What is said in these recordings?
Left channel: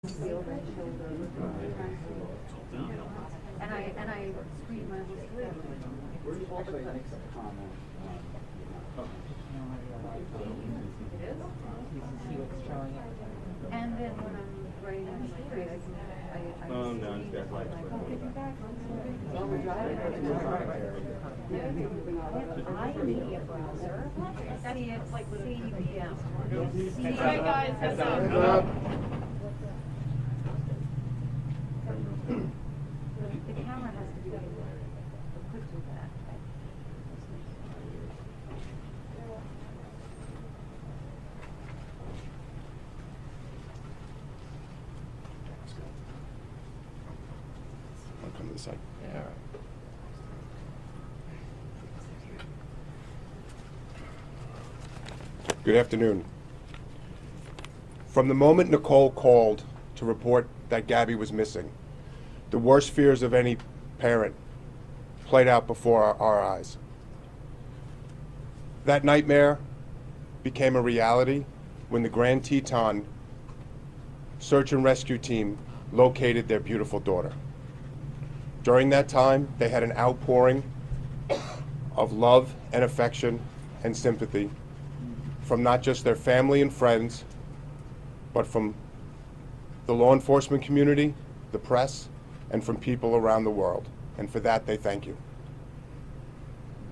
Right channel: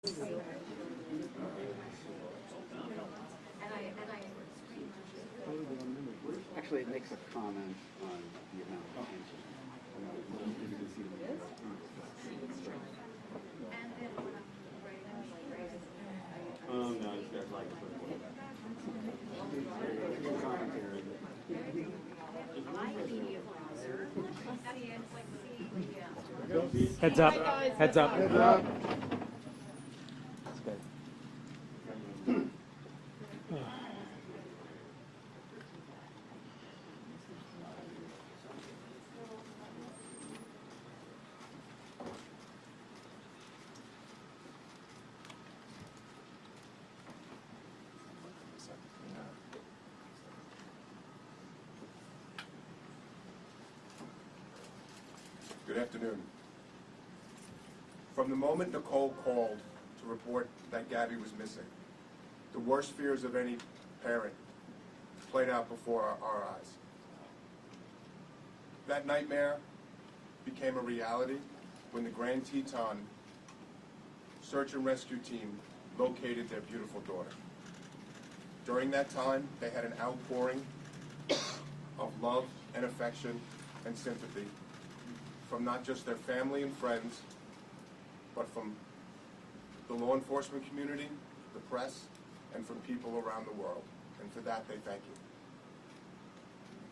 And I screamed when I was little. Actually, it makes a comment on And then when I'm writing a story, I No, it's got like. I media browser. See, it's like CDM. Heads up. Heads up. Heads up. The camera has to be equipped with that. I'll come to the side. Yeah. Good afternoon. From the moment Nicole called to report that Gabby was missing, the worst fears of any parent played out before our eyes. That nightmare became a reality when the Grand Teton search and rescue team located their beautiful daughter. During that time, they had an outpouring of love and affection and sympathy from not just their family and friends, but from the law enforcement community, the press, and from people around the world. And for that, they thank you.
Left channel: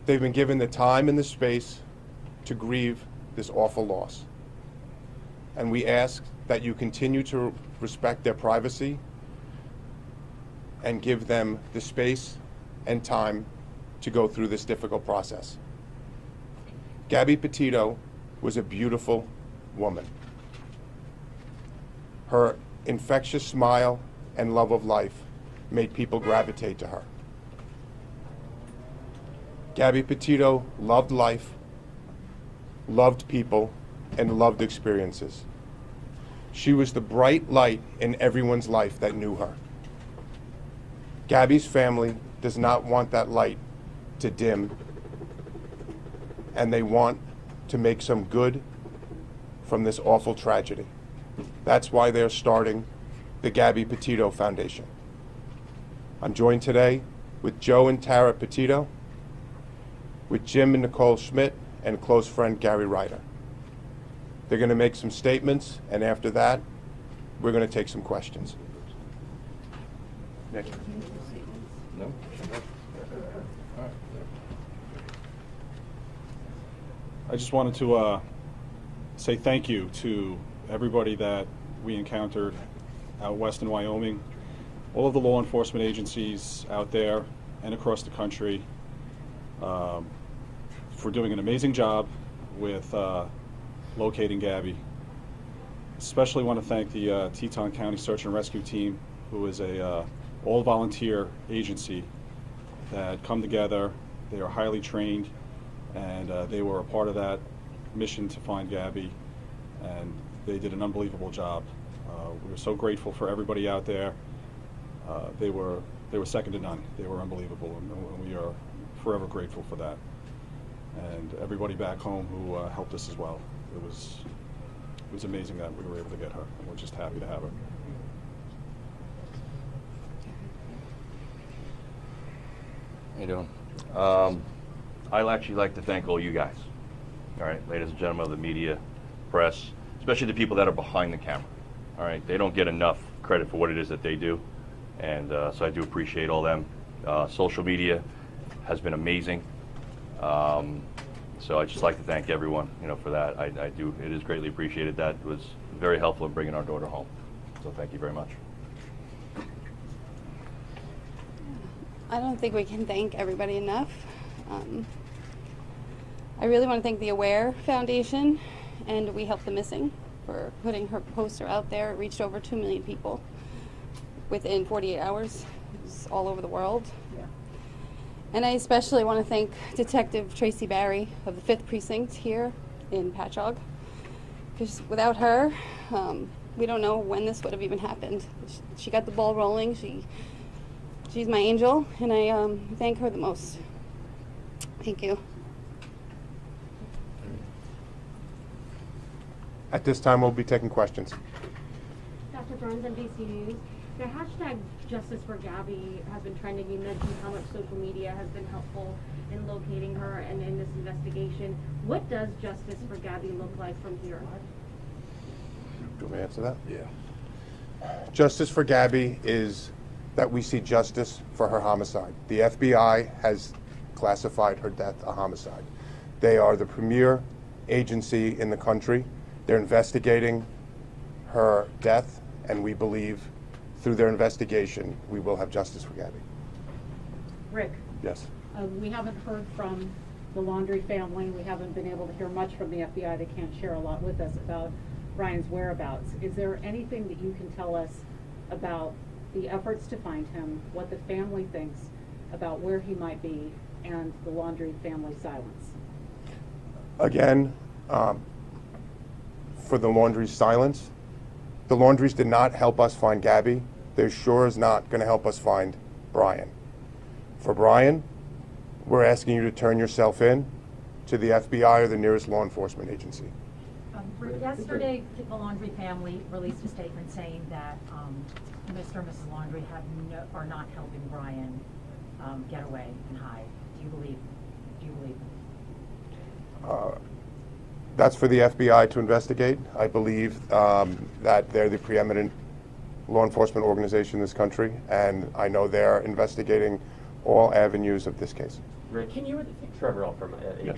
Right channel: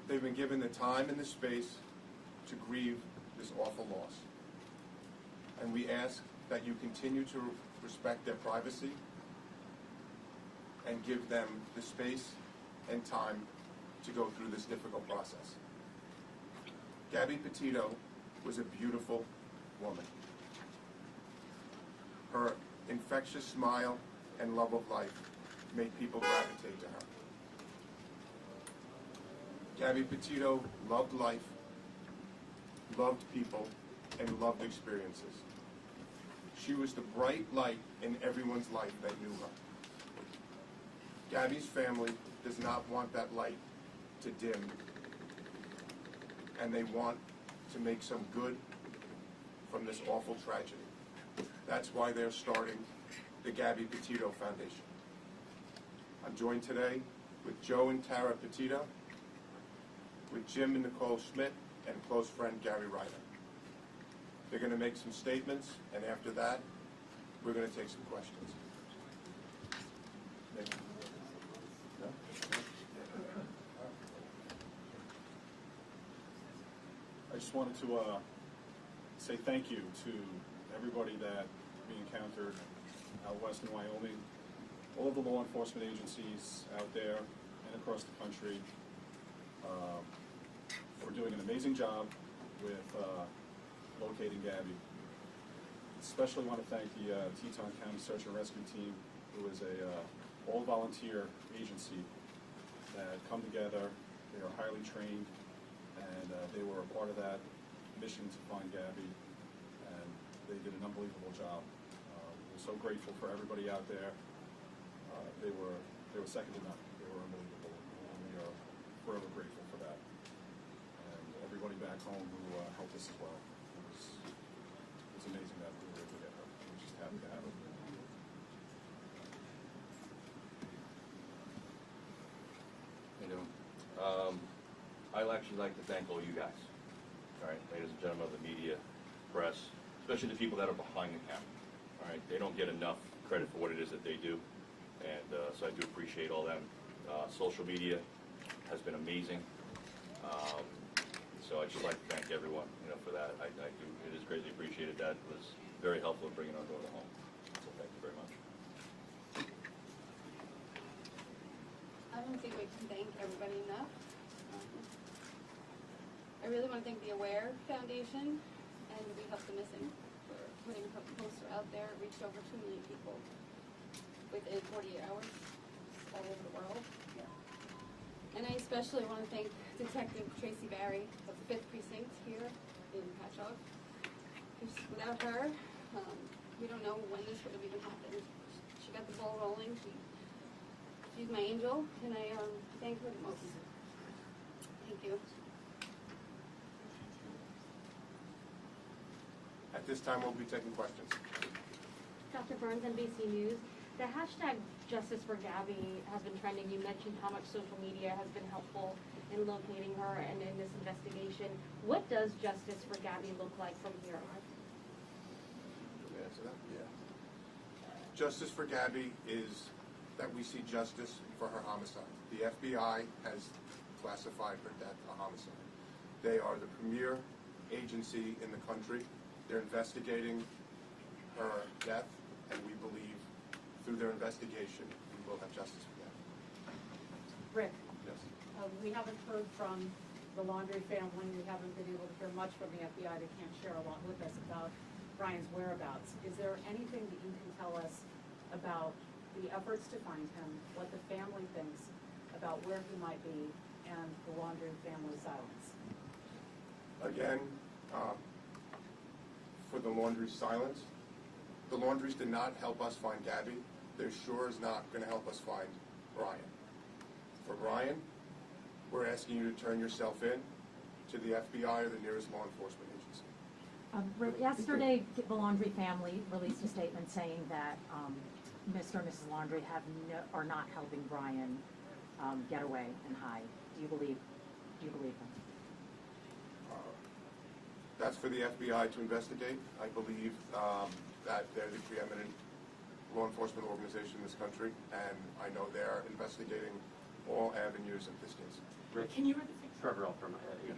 They've been given the time and the space to grieve this awful loss. And we ask that you continue to respect their privacy and give them the space and time to go through this difficult process. Gabby Petito was a beautiful woman. Her infectious smile and love of life made people gravitate to her. Gabby Petito loved life, loved people, and loved experiences. She was the bright light in everyone's life that knew her. Gabby's family does not want that light to dim, and they want to make some good from this awful tragedy. That's why they're starting the Gabby Petito Foundation. I'm joined today with Joe and Tara Petito, with Jim and Nicole Schmidt, and close friend Gary Ryder. They're going to make some statements, and after that, we're going to take some questions. Nick? No? I just wanted to say thank you to everybody that we encountered out west in Wyoming, all of the law enforcement agencies out there and across the country for doing an amazing job with locating Gabby. Especially want to thank the Teton County Search and Rescue Team, who is a all-volunteer agency that come together. They are highly trained, and they were a part of that mission to find Gabby, and they did an unbelievable job. We were so grateful for everybody out there. They were second to none. They were unbelievable, and we are forever grateful for that. And everybody back home who helped us as well. It was amazing that we were able to get her, and we're just happy to have her. How you doing? I'd actually like to thank all you guys, all right, ladies and gentlemen of the media, press, especially the people that are behind the camera, all right? They don't get enough credit for what it is that they do, and so I do appreciate all them. Social media has been amazing, so I'd just like to thank everyone, for that. I do, it is greatly appreciated. That was very helpful in bringing our daughter home, so thank you very much. I don't think we can thank everybody enough. I really want to thank the AWARE Foundation and We Help the Missing for putting her poster out there. It reached over 2 million people within 48 hours. It was all over the world. And I especially want to thank Detective Tracy Barry of the 5th Precinct here in Patchogue, because without her, we don't know when this would have even happened. She got the ball rolling. She's my angel, and I thank her the most. Thank you. At this time, we'll be taking questions. Got Dr. Burns, NBC News. The hashtag Justice for Gabby has been trending. You mentioned how much social media has been helpful in locating her and in this investigation. What does Justice for Gabby look like from here? Do you want me to answer that? Yeah. Justice for Gabby is that we see justice for her homicide. The FBI has classified her death a homicide. They are the premier agency in the country. They're investigating her death, and we believe through their investigation, we will have justice for Gabby. Rick, Yes. we haven't heard from the Laundrie family. We haven't been able to hear much from the FBI. They can't share a lot with us about Brian's whereabouts. Is there anything that you can tell us about the efforts to find him, what the family thinks about where he might be, and the Laundrie family silence? Again, for the Laundrie's silence, the Laundries did not help us find Gabby. They're sure is not going to help us find Brian. For Brian, we're asking you to turn yourself in to the FBI or the nearest law enforcement agency. Yesterday, the Laundrie family released a statement saying that Mr. and Mrs. Laundrie are not helping Brian get away and hide. Do you believe them? That's for the FBI to investigate. I believe that they're the preeminent law enforcement organization in this country, and I know they're investigating all avenues of this case. Rick, Trevor L. from ABC. Yes.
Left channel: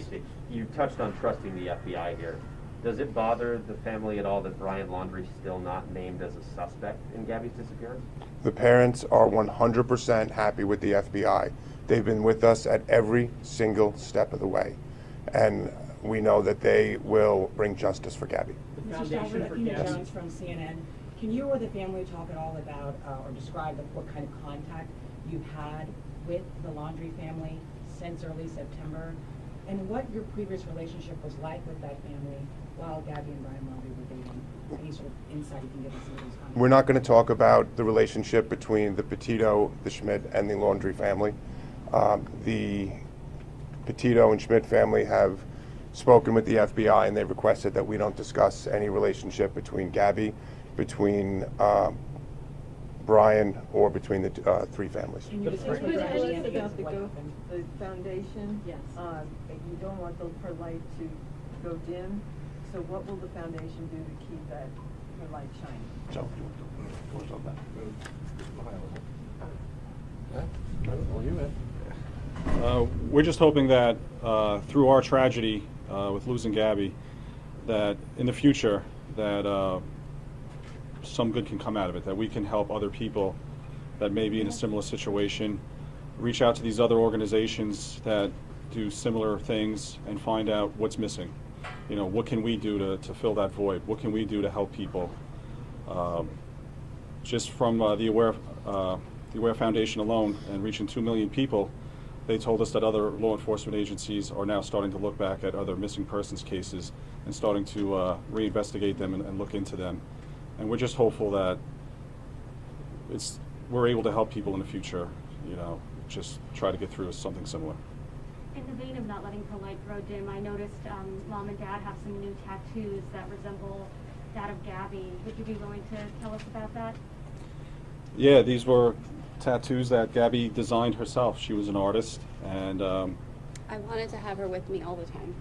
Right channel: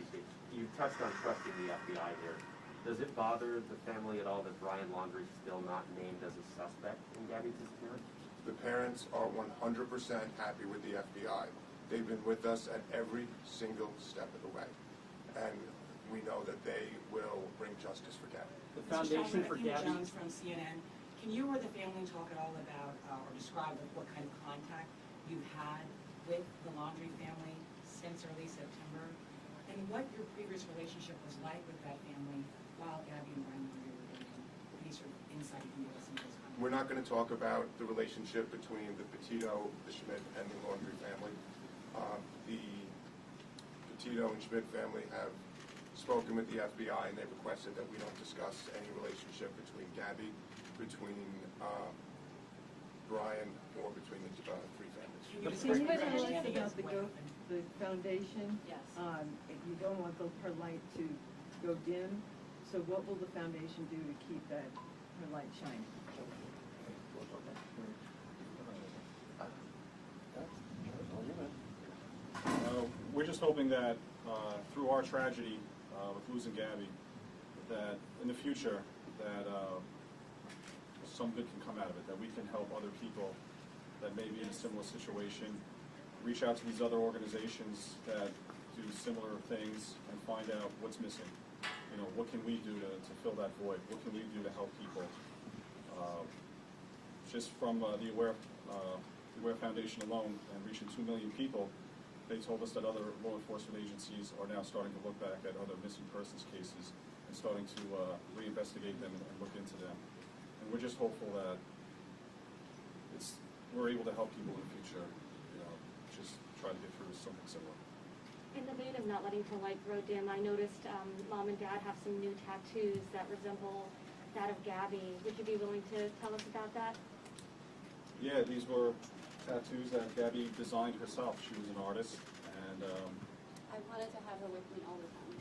You touched on trusting the FBI here. Does it bother the family at all that Brian Laundrie is still not named as a suspect in Gabby's disappearance? The parents are 100% happy with the FBI. They've been with us at every single step of the way, and we know that they will bring justice for Gabby. The Foundation for Gabby. Jones from CNN. Can you or the family talk at all about or describe what kind of contact you've had with the Laundrie family since early September, and what your previous relationship was like with that family while Gabby and Brian Laundrie were dating? Any sort of insight you can give us into those comments? We're not going to talk about the relationship between the Petito, the Schmidt, and the Laundrie family. The Petito and Schmidt family have spoken with the FBI, and they requested that we don't discuss any relationship between Gabby, between Brian, or between the three families. Can you Can you tell us understand about what the foundation? Yes. You don't want her light to go dim, so what will the foundation do to keep her light shining? So, we're just hoping that through our tragedy with losing Gabby, that in the future that some good can come out of it, that we can help other people that may be in a similar situation, reach out to these other organizations that do similar things and find out what's missing. You know, what can we do to fill that void? What can we do to help people? Just from the Aware Foundation alone, and reaching 2 million people, they told us that other law enforcement agencies are now starting to look back at other missing persons cases and starting to reinvestigate them and look into them. And we're just hopeful that we're able to help people in the future, you know, just try to get through something similar. In the vein of not letting the light grow dim, I noticed Mom and Dad have some new tattoos that resemble that of Gabby. Would you be willing to tell us about that? Yeah, these were tattoos that Gabby designed herself. She was an artist, and I wanted to have her with me all the time,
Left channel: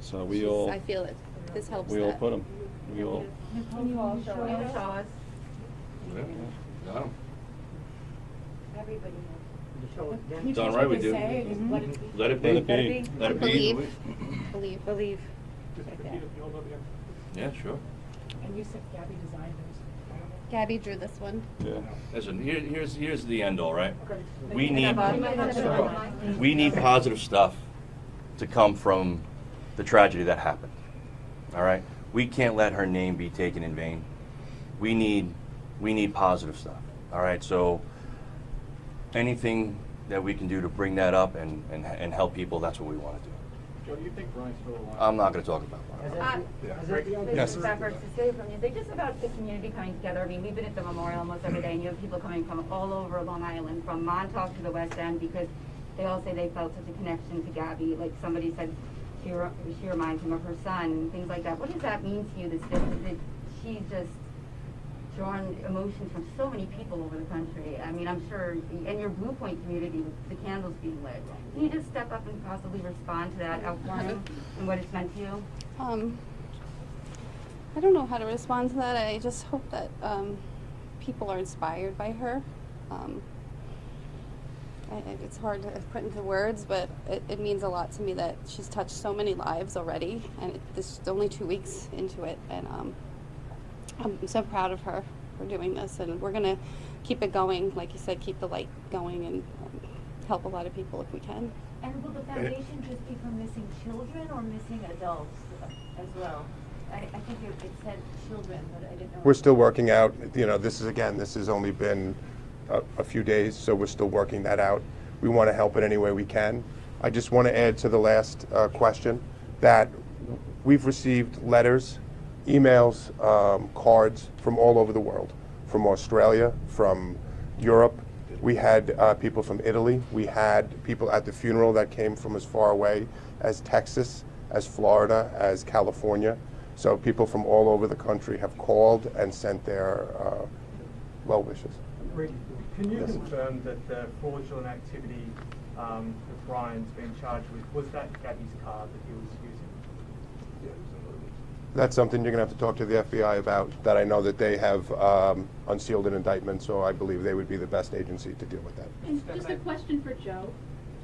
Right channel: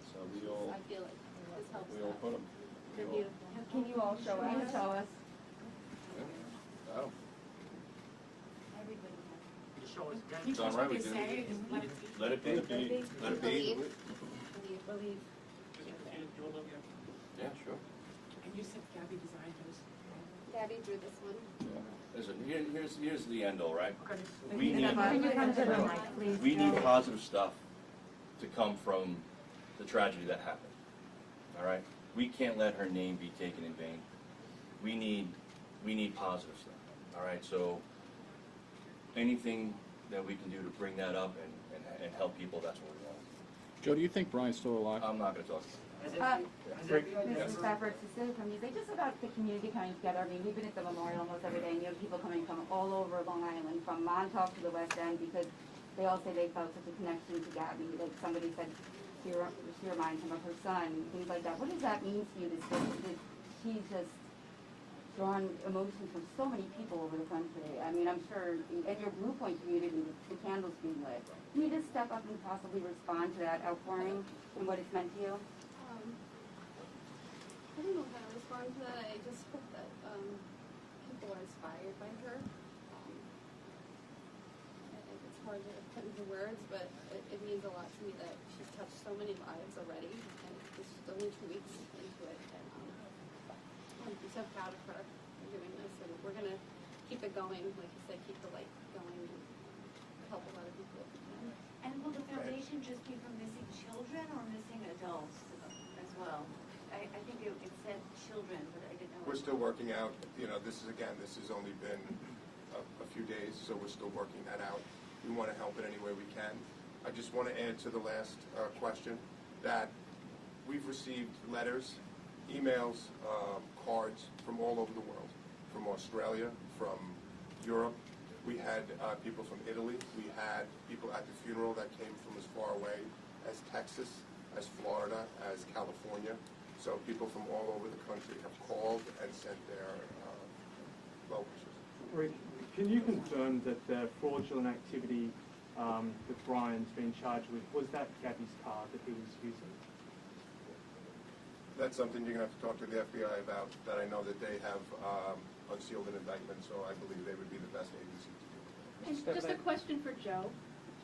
so we all. I feel it. This helps. We all put them. We all. Can you all show us? Yeah. Got 'em. Everybody It's all right, we do. Let it be. Let it be. Let it be. Believe. Yeah, sure. And you said Gabby designed hers. Gabby drew this one. Yeah. Listen, here's the end all, right? Okay. We need positive stuff to come from the tragedy that happened. All right? We can't let her name be taken in vain. We need positive stuff. All right? So anything that we can do to bring that up and help people, that's what we want to do. Joe, do you think Brian's still alive? I'm not going to talk about that. Yes. Just about the community coming together. I mean, we've been at the memorial almost every day, and you have people coming from all over Long Island, from Montauk to the West End, because they all say they felt such a connection to Gabby. Like somebody said, she reminds him of her son, and things like that. What does that mean to you, that she's just drawn emotion from so many people over the country. I mean, I'm sure in your Blue Point community with the candles being lit. Can you just step up and possibly respond to that outpouring and what it's meant to you? I don't know how to respond to that. I just hope that people are inspired by her. It's hard to put into words, but it means a lot to me that she's touched so many lives already, and this is only 2 weeks into it, and I'm so proud of her for doing this, and we're gonna keep it going. Like you said, keep the light going and help a lot of people if we can. And will the foundation just be for missing children or missing adults as well? I think it said children, but I didn't know. We're still working out, this has only been a few days, so we're still working that out. We want to help in any way we can. I just want to add to the last question that we've received letters, emails, cards from all over the world, from Australia, from Europe. We had people from Italy. We had people at the funeral that came from as far away as Texas, as Florida, as California. So people from all over the country have called and sent their well wishes. Can you Yes. confirm that the fraudulent activity that Brian's been charged with, was that Gabby's car that he was using? That's something you're going to have to talk to the FBI about, that I know that they have unsealed an indictment, so I believe they would be the best agency to deal with that. And just a question for Joe.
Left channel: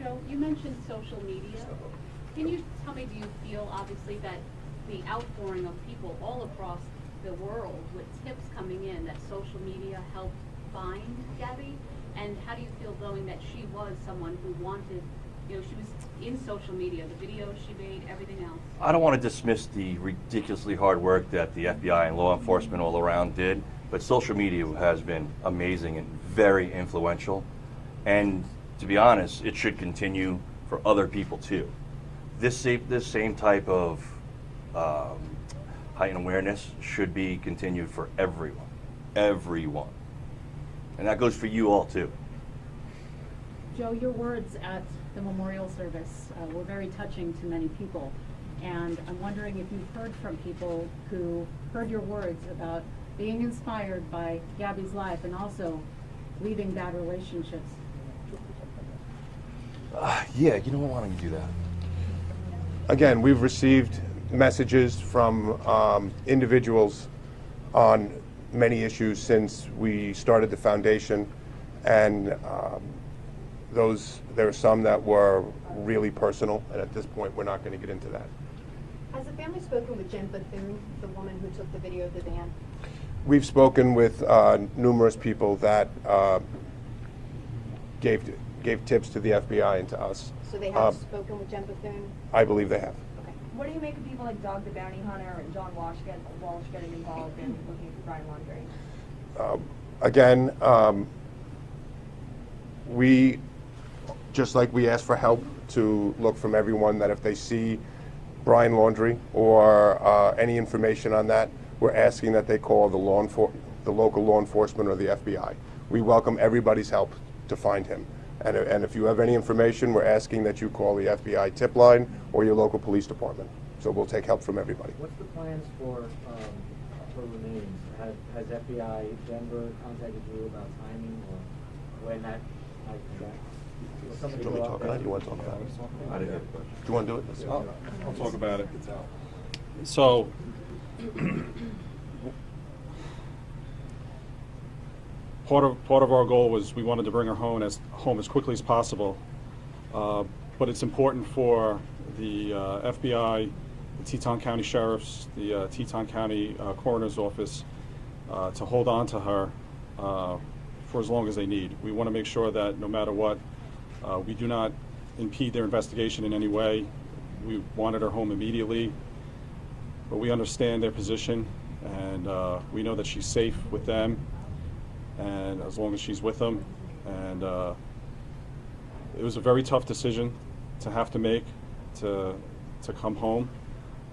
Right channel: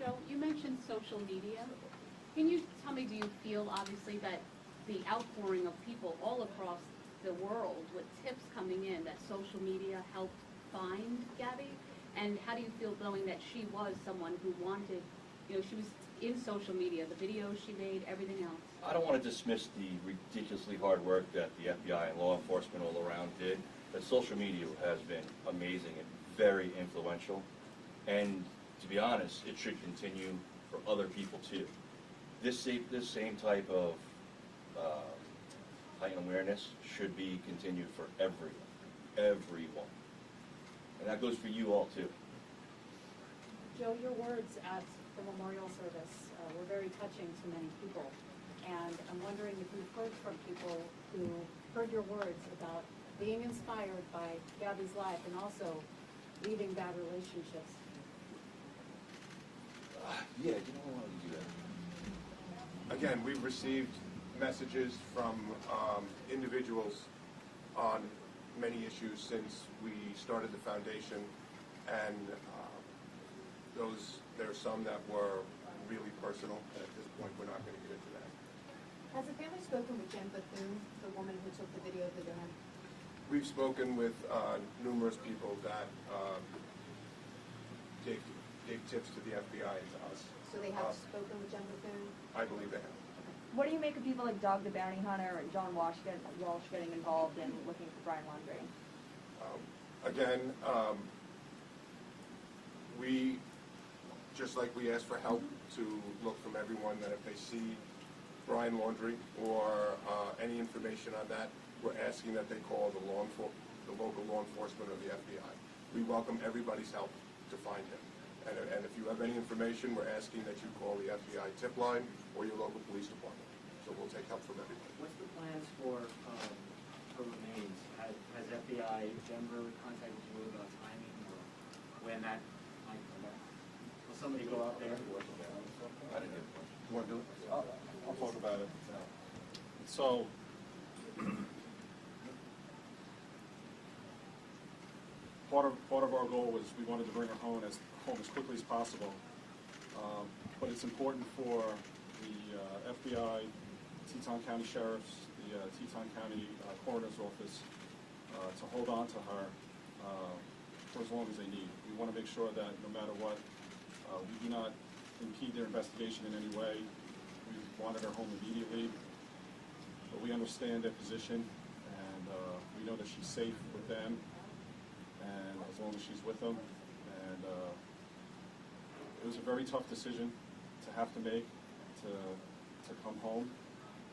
Joe, you mentioned social media. Can you tell me, do you feel obviously that the outpouring of people all across the world with tips coming in, that social media helped find Gabby? And how do you feel knowing that she was someone who wanted, she was in social media, the videos she made, everything else? I don't want to dismiss the ridiculously hard work that the FBI and law enforcement all around did, but social media has been amazing and very influential. And to be honest, it should continue for other people too. This same type of heightened awareness should be continued for everyone. And that goes for you all too. Joe, your words at the memorial service were very touching to many people. And I'm wondering if you've heard from people who heard your words about being inspired by Gabby's life and also leaving bad relationships. Yeah, why don't you do that? Again, we've received messages from individuals on many issues since we started the foundation, and there are some that were really personal, and at this point we're not going to get into that. Has the family spoken with Jen Bethune, the woman who took the video of the van? We've spoken with numerous people that gave tips to the FBI and to us. So they have spoken with Jen Bethune? I believe they have. Okay. What do you make of people like Dog the Bounty Hunter and John Walsh getting involved in looking for Brian Laundrie? Again, we, just like we ask for help to look from everyone, that if they see Brian Laundrie or any information on that, we're asking that they call the local law enforcement or the FBI. We welcome everybody's help to find him. And if you have any information, we're asking that you call the FBI tip line or your local police department. So we'll take help from everybody. What's the plans for remains? Has FBI Denver contacted you about timing or when that might be back? Will somebody Do you go want out to talk there? about it? You want to talk about it? I didn't have a question. Do you want to do it? I'll talk about it. So, part of our goal was we wanted to bring her home as quickly as possible, but it's important for the FBI, the Teton County Sheriff's, the Teton County Coroner's Office to hold on to her for as long as they need. We want to make sure that no matter what, we do not impede their investigation in any way. We wanted her home immediately, but we understand their position, and we know that she's safe with them, and as long as she's with them. And it was a very tough decision to have to make to come home,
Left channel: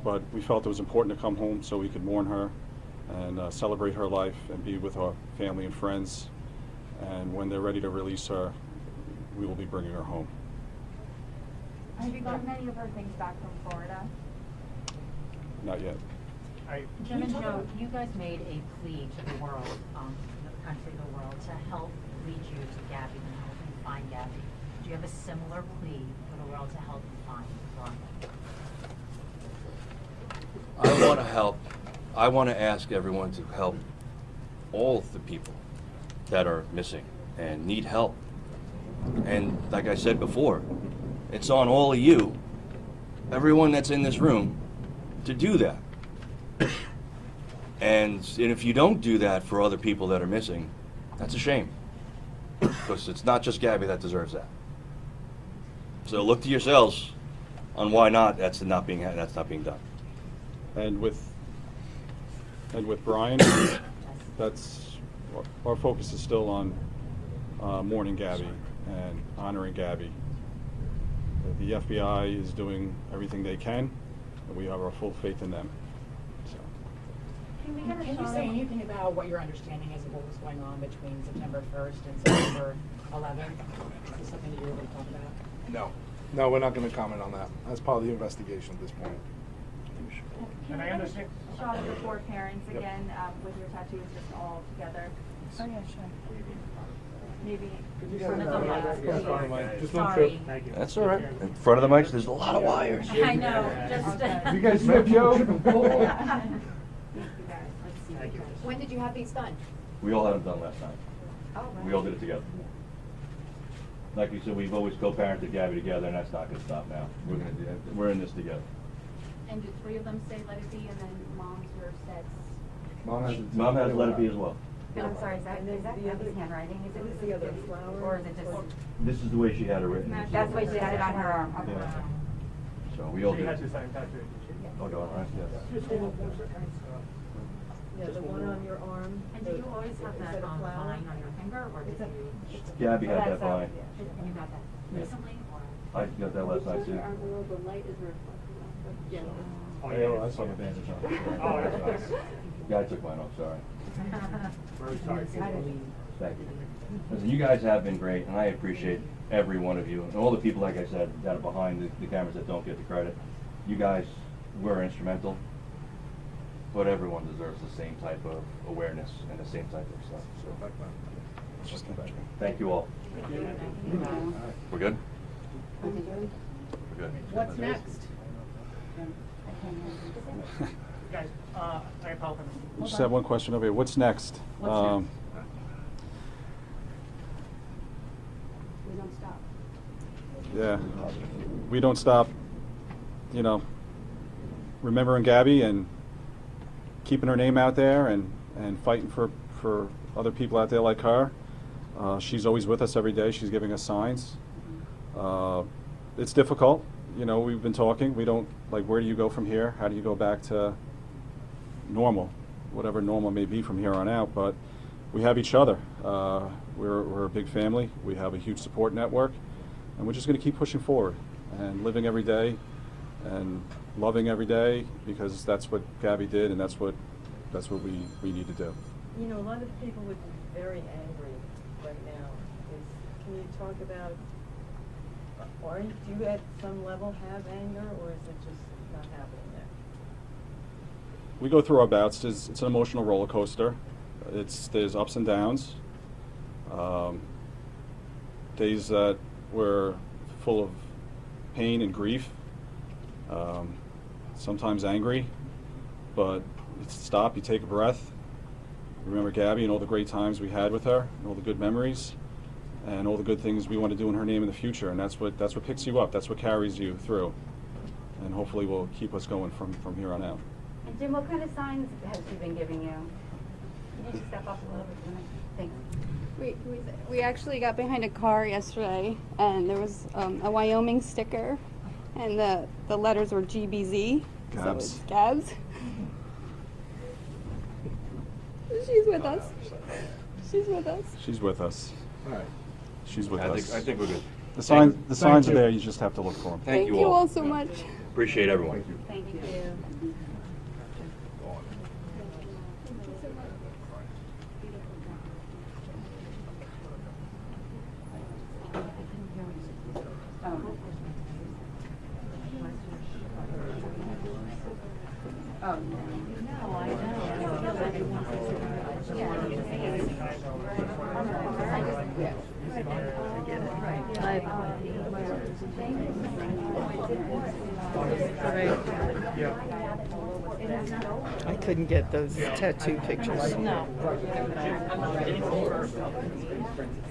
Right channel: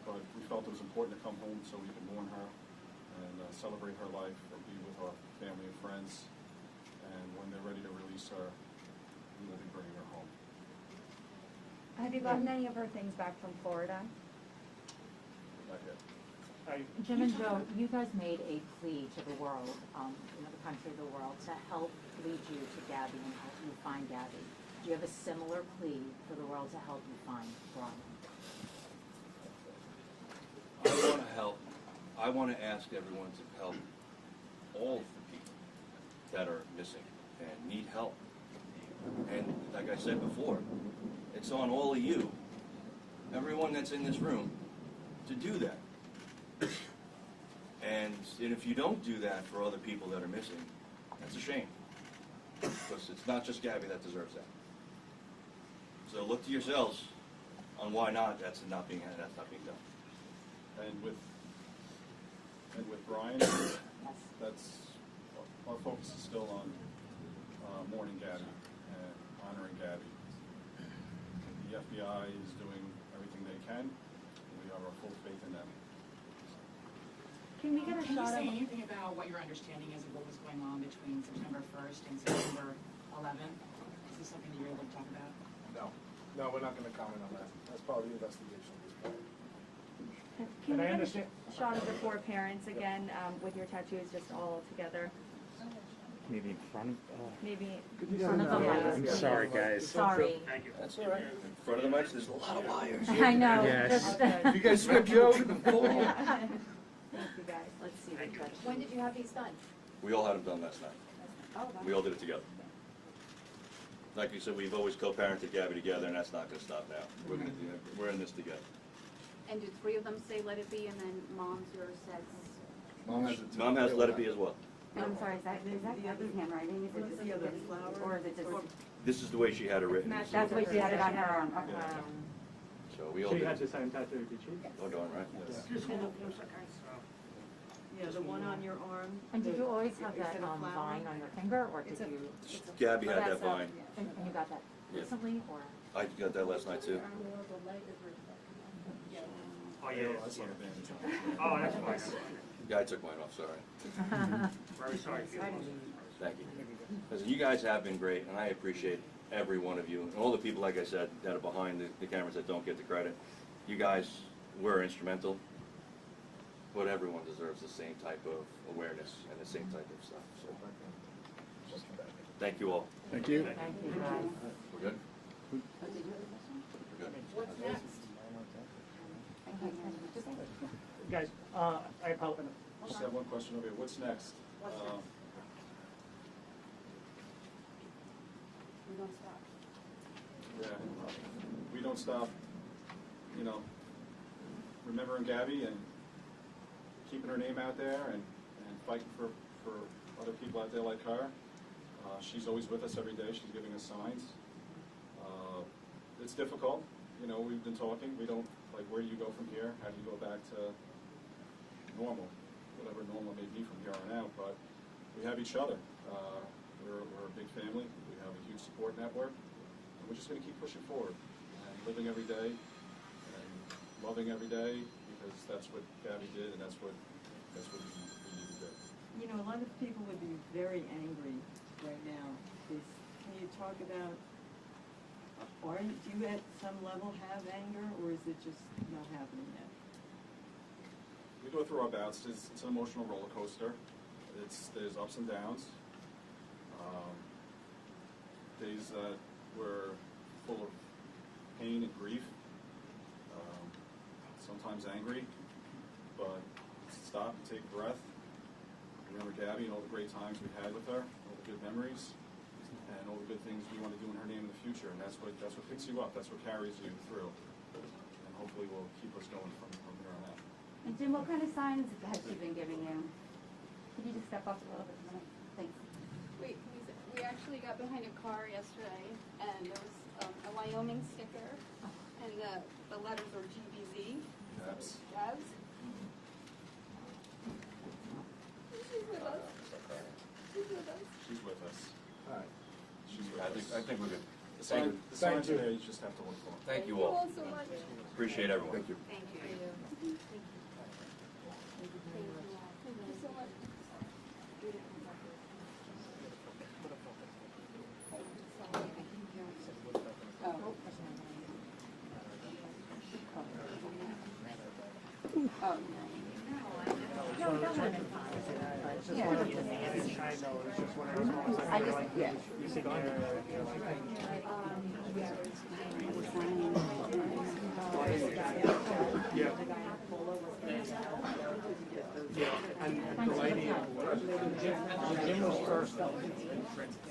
but we felt it was important to come home so we could mourn her and celebrate her life and be with our family and friends. And when they're ready to release her, we will be bringing her home. Have you gotten any of her things back from Florida? Not yet. Jim and Joe, you guys made a plea to the world, the country, the world, to help lead you to Gabby and help you find Gabby. Do you have a similar plea for the world to help you find Ryan? I want to help. I want to ask everyone to help all of the people that are missing and need help. And like I said before, it's on all of you, everyone that's in this room, to do that. And if you don't do that for other people that are missing, that's a shame. Because it's not just Gabby that deserves that. So look to yourselves on why not that's not being done. And with Brian, that's our focus is still on mourning Gabby and honoring Gabby. The FBI is doing everything they can, and we have our full faith in them. Can you say anything about what your understanding is of what was going on between September 1st and September 11th? Is this something that you're able to talk about? No, we're not gonna comment on that. That's part of the investigation at this point. Can you get a shot of your four parents again, with your tattoos just all together? Oh, yeah, sure. Maybe. Sorry, guys. Sorry. That's all right. In front of the mics, there's a lot of wires. I know. You guys snip, Joe? When did you have these done? We all had them done last night. Oh, wow. We all did it together. Like we said, we've always co-parented Gabby together, and that's not gonna stop now. We're in this together. And do three of them say let it be, and then mom's verse says? Mom has let it be as well. And I'm sorry, is that Gabby's handwriting? Is it the other flower? Or is it just? This is the way she had it written. That's the way she had it on her arm, okay. Yeah. So we all She did had it. the same tattoo, did she? Oh, darn right, yes. Yeah, the one on your arm. And did you always have that vine on your finger, or did you? Gabby had that vine. You got that Yeah. recently, or? I got that last night too. The light is reflected on it. Yeah. Oh, yeah. I saw the bandage on. Oh, that's fine. Yeah, I took mine off, sorry. Very sorry. Thank you. Listen, you guys have been great, and I appreciate every one of you, and all the people, like I said, that are behind the cameras that don't get the credit. You guys were instrumental, but everyone deserves the same type of awareness and the same type of stuff, so. Just come back. Thank you all. Thank you. We're good? We're good. What's next? Guys, I apologize. Just have one question over here. What's next? What's We don't stop. Yeah, we don't stop, remembering Gabby and keeping her name out there and fighting for other people out there like her. She's always with us every day. She's giving us signs. It's difficult. We've been talking. We don't, where do you go from here? How do you go back to normal, whatever normal may be from here on out? But we have each other. We're a big family. We have a huge support network. And we're just going to keep pushing forward and living every day and loving every day, because that's what Gabby did, and that's what we need to do. A lot of people would be very angry right now. Can you talk about, do you at some level have anger, or is it just not happening there? We go through our bouts. It's an emotional roller coaster. There's ups and downs. Days that we're full of pain and grief. Sometimes angry, but you stop, you take a breath. You remember Gabby and all the great times we had with her, and all the good memories, and all the good things we want to do in her name in the future. And that's what picks you up. That's what carries you through, and hopefully will keep us going from here on out. And Jim, what kind of signs has she been giving you? Can you just step up a little bit? Thanks. We actually got behind a car yesterday, and there was a Wyoming sticker, and the letters were GBZ. So it was Gabs. She's with us. She's with us. She's with us. All right. She's with I us. think we're good. The signs are there. You just have to look for them. Thank you you all. all so much. Appreciate everyone. Thank you. Thank you so much. Oh, no. I couldn't get those tattoo pictures.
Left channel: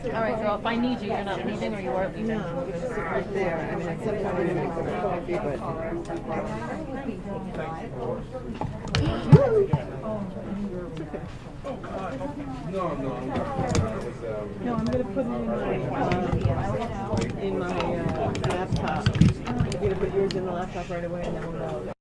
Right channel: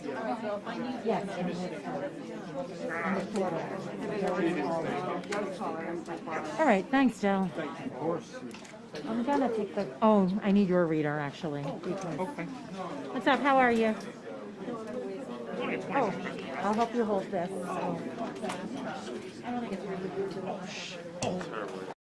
All right, so if I need you, you're not leaving, or you are leaving? No, right there. All right, thanks, Joe. Oh, I need your reader, actually. What's up, how are you? No, I'm gonna put it in my laptop. I'm gonna put yours in the laptop right away, and then we'll